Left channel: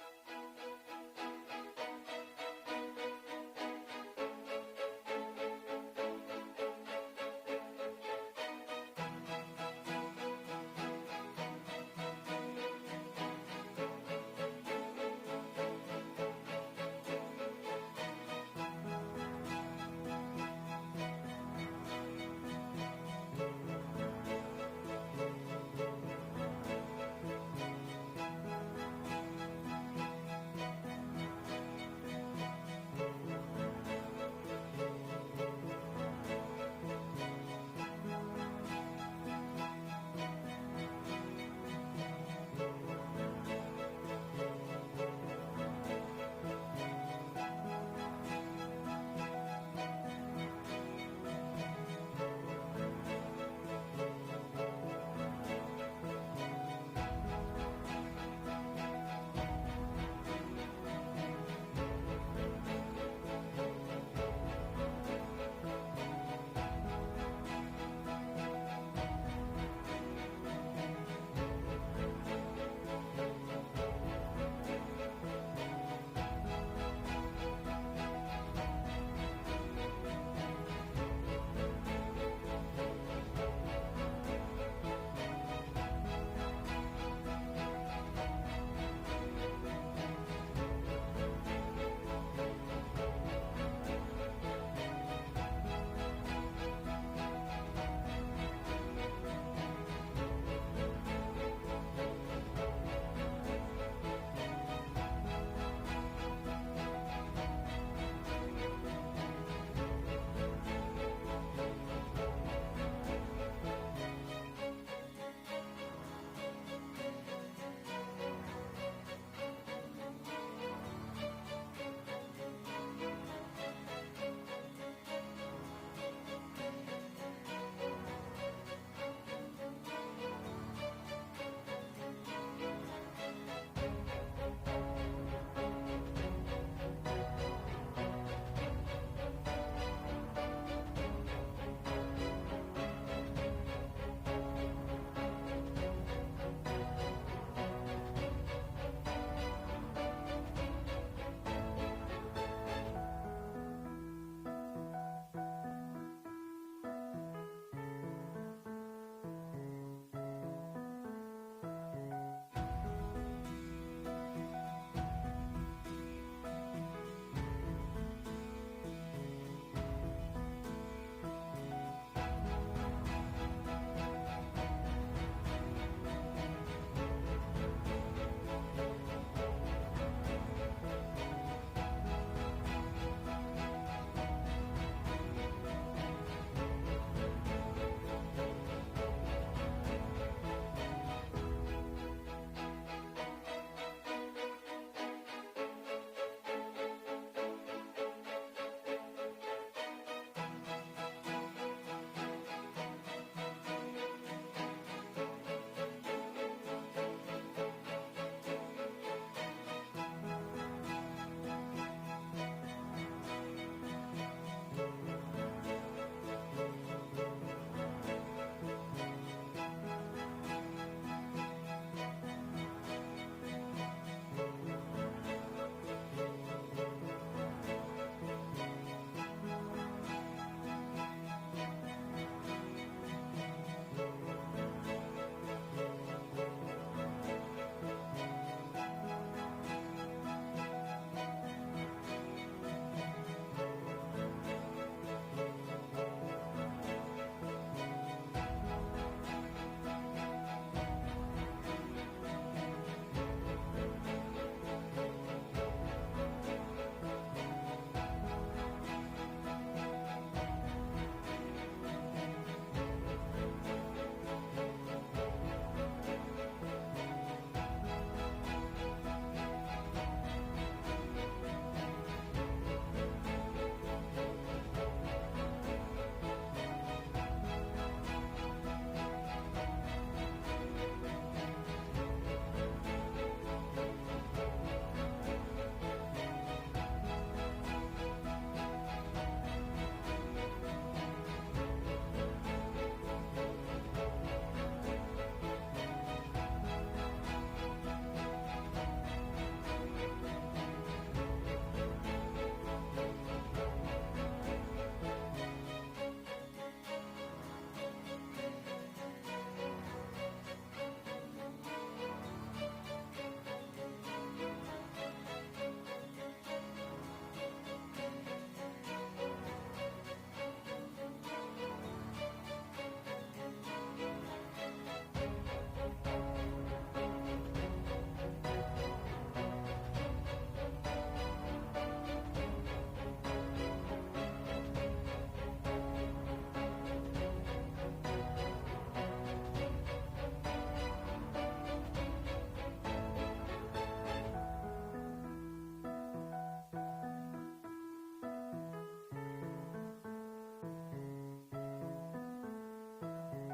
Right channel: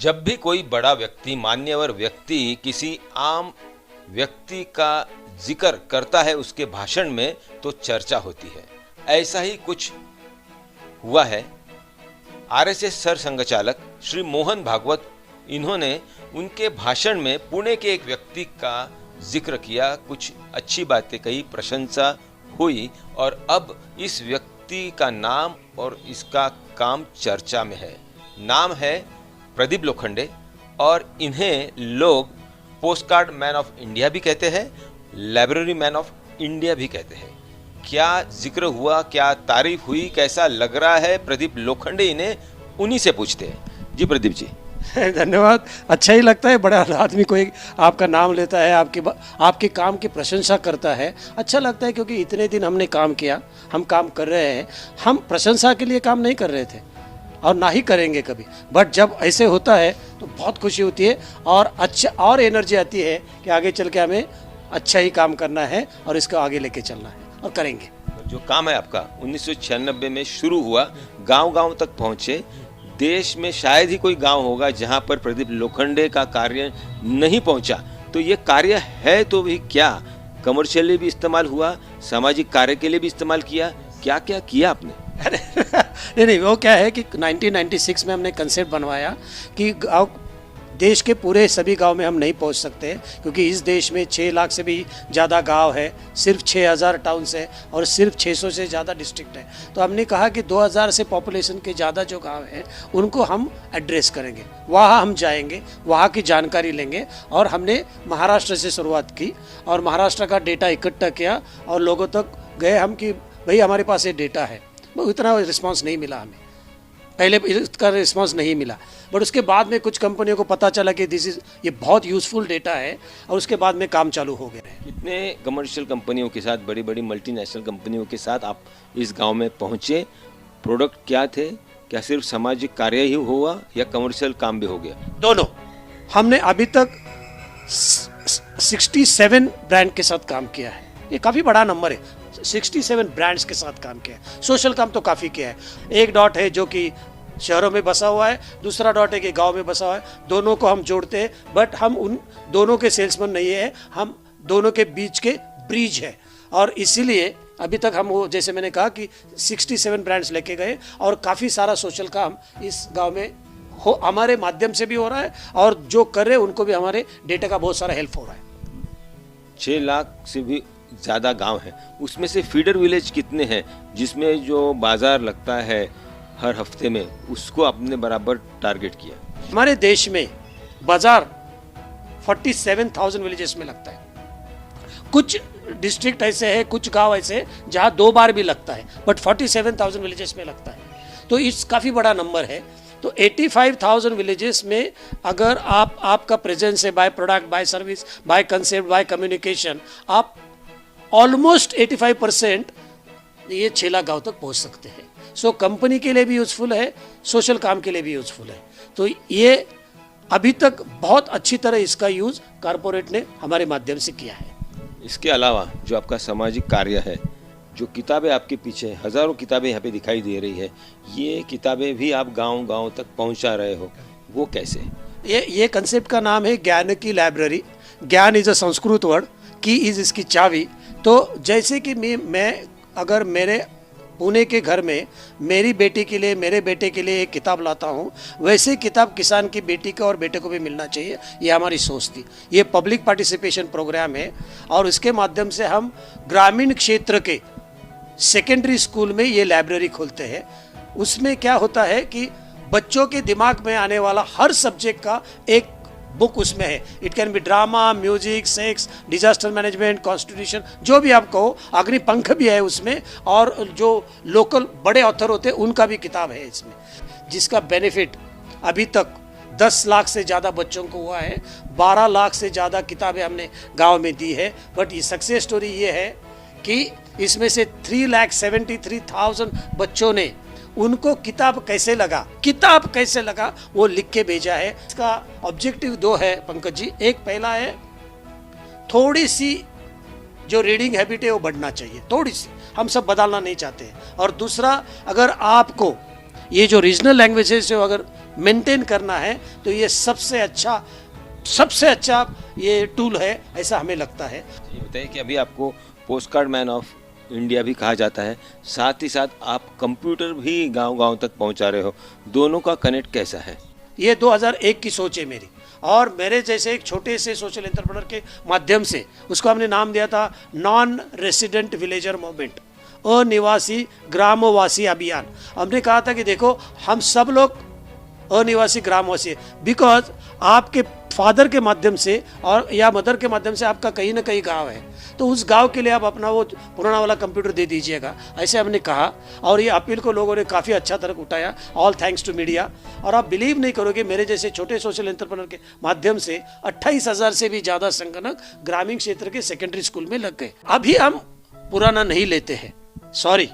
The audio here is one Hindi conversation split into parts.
जब भी कोई बड़ा व्यक्ति, मान्यवर व्यक्ति किसी आम व्यक्ति का जिक्र करता है उसके भाषण में, तो चर्चा होती है। ऐसा ही कुछ हुआ है। आरएसएस सर संघचालक श्री मोहन भागवत, इन्होंने उनके भाषण में पुणे के एक व्यक्ति का जिक्र किया, कुछ अच्छी बातें कही, प्रशंसा हुई और अब इस व्यक्ति का नाम और इसका काम चर्चा में है। नाम है प्रदीप लोखंडे और इन्हें लोग पोस्टकार्ड मैन ऑफ इंडिया भी कहते हैं, लाइब्रेरी मैन ऑफ इंडिया भी कहते हैं। क्या जिक्र हुआ, क्या तारीफ हुई, कैसा लग रहा है प्रदीप लोखंडे, इन्हें उन्हीं से पूछते हैं। जी प्रदीप जी। धन्यवाद। अच्छा ही लगता है, बड़ा आदमी कोई आपका नाम लेता है, आपके काम की प्रशंसा करता है, अच्छा लगता है, क्योंकि इतने दिन हमने काम किया, हम काम कर रहे हैं, हम प्रशंसा के लिए काम नहीं कर रहे थे और ना ही करेंगे कभी, बट जब ऐसे होता है तो बहुत खुशी होती है और अच्छा और एनर्जी आती है कि आगे चल के हमें अच्छा ही काम करना है और इसको आगे लेके चलना है और करेंगे। जो काम है आपका 1996 में शुरू हुआ, गांव-गांव तक पहुंचे। देश में शायद ही कोई गांव होगा जहां पर प्रदीप लोखंडे का कार्य नहीं पहुंचा। तो ये कार्य है तो भी क्या कमर्शियली भी इस्तेमाल हुआ, सामाजिक कार्य के लिए भी इस्तेमाल किया, क्या क्या किया आपने? नहीं, वो क्या है कि 1996 में हमने कंसेप्ट बनवाया कि गाँव, देश के पूरे सभी गांव में हम नहीं पहुंच सकते, क्योंकि इस देश में 6 लाख से भी ज़्यादा गांव है, सिर्फ 6000 टाउन्स है और सिर्फ 600 से ज़्यादा डिस्ट्रिक्ट है। तो हमने कहा कि 2000 से पॉपुलेशन के ज़्यादा जो गांव हैं उनको हम एड्रेस करेंगे, वहाँ हम जाएंगे, वहाँ की जानकारी लेंगे। और हमने महाराष्ट्र से शुरुआत की और महाराष्ट्र का डेटा इकट्ठा किया और लोगों तक गए हम कि भाई हमारे पास ये डेटा है। इतना रिस्पांस नहीं मिला हमें, पहले इसका रिस्पांस नहीं मिला, बट उसके बाद में कुछ कंपनियों को पता चला कि ये बहुत यूजफुल डेटा है और उसके बाद में काम चालू हो गया है। इतने कमर्शियल कंपनियों के साथ, बड़ी बड़ी मल्टीनेशनल कंपनियों के साथ आप इस गांव में पहुंचे, प्रोडक्ट क्या थे, क्या सिर्फ सामाजिक कार्य ही हुआ या कमर्शियल काम भी हो गया? दोनों। हमने अभी तक 67 ब्रांड के साथ काम किया है, ये काफ़ी बड़ा नंबर है। 67 ब्रांड्स के साथ काम किया है। सोशल काम तो काफ़ी किया है। एक डॉट है जो कि शहरों में बसा हुआ है, दूसरा डॉट है कि गांव में बसा हुआ है, दोनों को हम जोड़ते हैं, बट हम उन दोनों के सेल्समैन नहीं है, हम दोनों के बीच के ब्रिज है। और इसीलिए अभी तक हम वो, जैसे मैंने कहा कि 67 ब्रांड्स लेके गए और काफ़ी सारा सोशल काम इस गाँव में हमारे माध्यम से भी हो रहा है और जो कर रहे हैं उनको भी हमारे डेटा का बहुत सारा हेल्प हो रहा है। 6 लाख से भी ज़्यादा गांव है, उसमें से फीडर विलेज कितने हैं जिसमें जो बाजार लगता है हर हफ्ते में, उसको आपने बराबर टारगेट किया? हमारे देश में बाजार 47,000 विलेजेस में लगता है। कुछ डिस्ट्रिक्ट ऐसे हैं, कुछ गांव ऐसे हैं जहां 2 बार भी लगता है, बट 47,000 विलेजेस में लगता है, तो इस काफ़ी बड़ा नंबर है। तो 85,000 विलेजेस में अगर आपका प्रेजेंस है, by product, by service, by concept, by communication, आप ऑलमोस्ट 85% ये 6 लाख गाँव तक पहुंच सकते हैं। सो कंपनी के लिए भी यूजफुल है, सोशल काम के लिए भी यूजफुल है। तो ये अभी तक बहुत अच्छी तरह इसका यूज कारपोरेट ने हमारे माध्यम से किया है। इसके अलावा जो आपका सामाजिक कार्य है, जो किताबें आपके पीछे, हजारों किताबें यहाँ पे दिखाई दे रही है, ये किताबें भी आप गांव-गांव तक पहुंचा रहे हो, वो कैसे? ये कंसेप्ट का नाम है ज्ञान की लाइब्रेरी। ज्ञान इज अ संस्कृत वर्ड, की इज इसकी चाबी। तो जैसे कि मैं अगर मेरे पुणे के घर में मेरी बेटी के लिए, मेरे बेटे के लिए एक किताब लाता हूँ, वैसे किताब किसान की बेटी को और बेटे को भी मिलना चाहिए, ये हमारी सोच थी। ये पब्लिक पार्टिसिपेशन प्रोग्राम है और इसके माध्यम से हम ग्रामीण क्षेत्र के सेकेंडरी स्कूल में ये लाइब्रेरी खोलते हैं। उसमें क्या होता है कि बच्चों के दिमाग में आने वाला हर सब्जेक्ट का एक बुक उसमें है। It can be drama, music, sex, disaster management, constitution, जो भी आप कहो। अग्निपंख भी है उसमें और जो लोकल बड़े ऑथर होते हैं उनका भी किताब है इसमें, जिसका बेनिफिट अभी तक 10 लाख से ज़्यादा बच्चों को हुआ है। 12 लाख से ज़्यादा किताबें हमने गांव में दी है। बट ये सक्सेस स्टोरी ये है कि इसमें से 3,73,000 बच्चों ने, उनको किताब कैसे लगा वो लिख के भेजा है। इसका ऑब्जेक्टिव 2 है पंकज जी। एक पहला है थोड़ी सी जो रीडिंग हैबिट है वो बढ़ना चाहिए, थोड़ी सी, हम सब बदलना नहीं चाहते। और दूसरा, अगर आपको ये जो रीजनल लैंग्वेजेस जो अगर मेंटेन करना है तो ये सबसे अच्छा ये टूल है, ऐसा हमें लगता है। ये बताइए कि अभी आपको post card man of India भी कहा जाता है, साथ ही साथ आप कंप्यूटर भी गांव-गांव तक पहुंचा रहे हो, दोनों का कनेक्ट कैसा है? ये 2001 की सोच है मेरी, और मेरे जैसे एक छोटे से सोशल एंटरप्रेन्योर के माध्यम से उसको हमने नाम दिया था नॉन रेसिडेंट विलेजर मूवमेंट, अनिवासी ग्रामवासी अभियान। हमने कहा था कि देखो हम सब लोग अनिवासी ग्रामवासी, बिकॉज आपके फादर के माध्यम से और या मदर के माध्यम से आपका कहीं ना कहीं गांव है, तो उस गांव के लिए आप अपना वो पुराना वाला कंप्यूटर दे दीजिएगा, ऐसे हमने कहा। और ये अपील को लोगों ने काफ़ी अच्छा तरह उठाया, ऑल थैंक्स टू मीडिया। और आप बिलीव नहीं करोगे, मेरे जैसे छोटे सोशल एंटरप्रेन्योर के माध्यम से 28,000 से भी ज़्यादा संगणक ग्रामीण क्षेत्र के सेकेंडरी स्कूल में लग गए। अभी हम पुराना नहीं लेते हैं, सॉरी,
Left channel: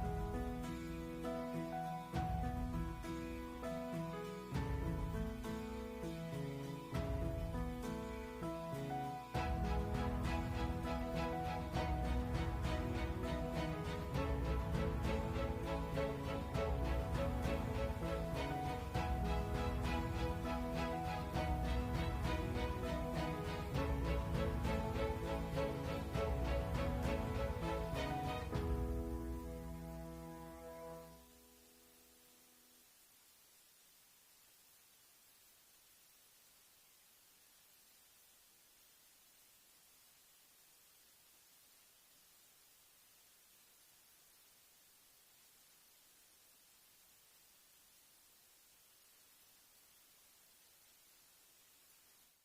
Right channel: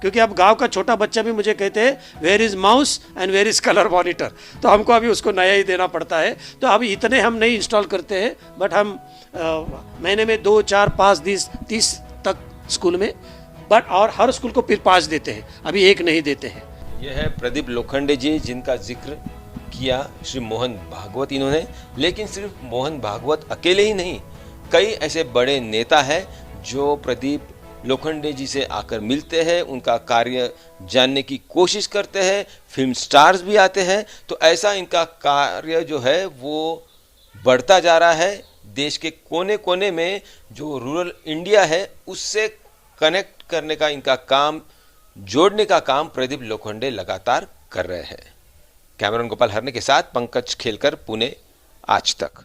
क्योंकि अब गांव का छोटा बच्चा भी मुझे कहते हैं where is mouse and where is colour monitor, तो हमको अभी उसको नया ही देना पड़ता है। तो अभी इतने हम नहीं इंस्टॉल करते हैं, बट हम महीने में 2, 4, 5, 30 तक स्कूल में, बट और हर स्कूल को फिर 5 देते हैं, अभी 1 नहीं देते हैं। यह है प्रदीप लोखंडे जी, जिनका जिक्र किया श्री मोहन भागवत इन्होंने। लेकिन सिर्फ मोहन भागवत अकेले ही नहीं, कई ऐसे बड़े नेता हैं जो प्रदीप लोखंडे जी से आकर मिलते हैं, उनका कार्य जानने की कोशिश करते हैं, फिल्म स्टार्स भी आते हैं। तो ऐसा इनका कार्य जो है वो बढ़ता जा रहा है। देश के कोने कोने में जो रूरल इंडिया है उससे कनेक्ट करने का इनका काम, जोड़ने का काम प्रदीप लोखंडे लगातार कर रहे हैं। कैमरामैन गोपाल हरने के साथ पंकज खेलकर, पुणे, आज तक।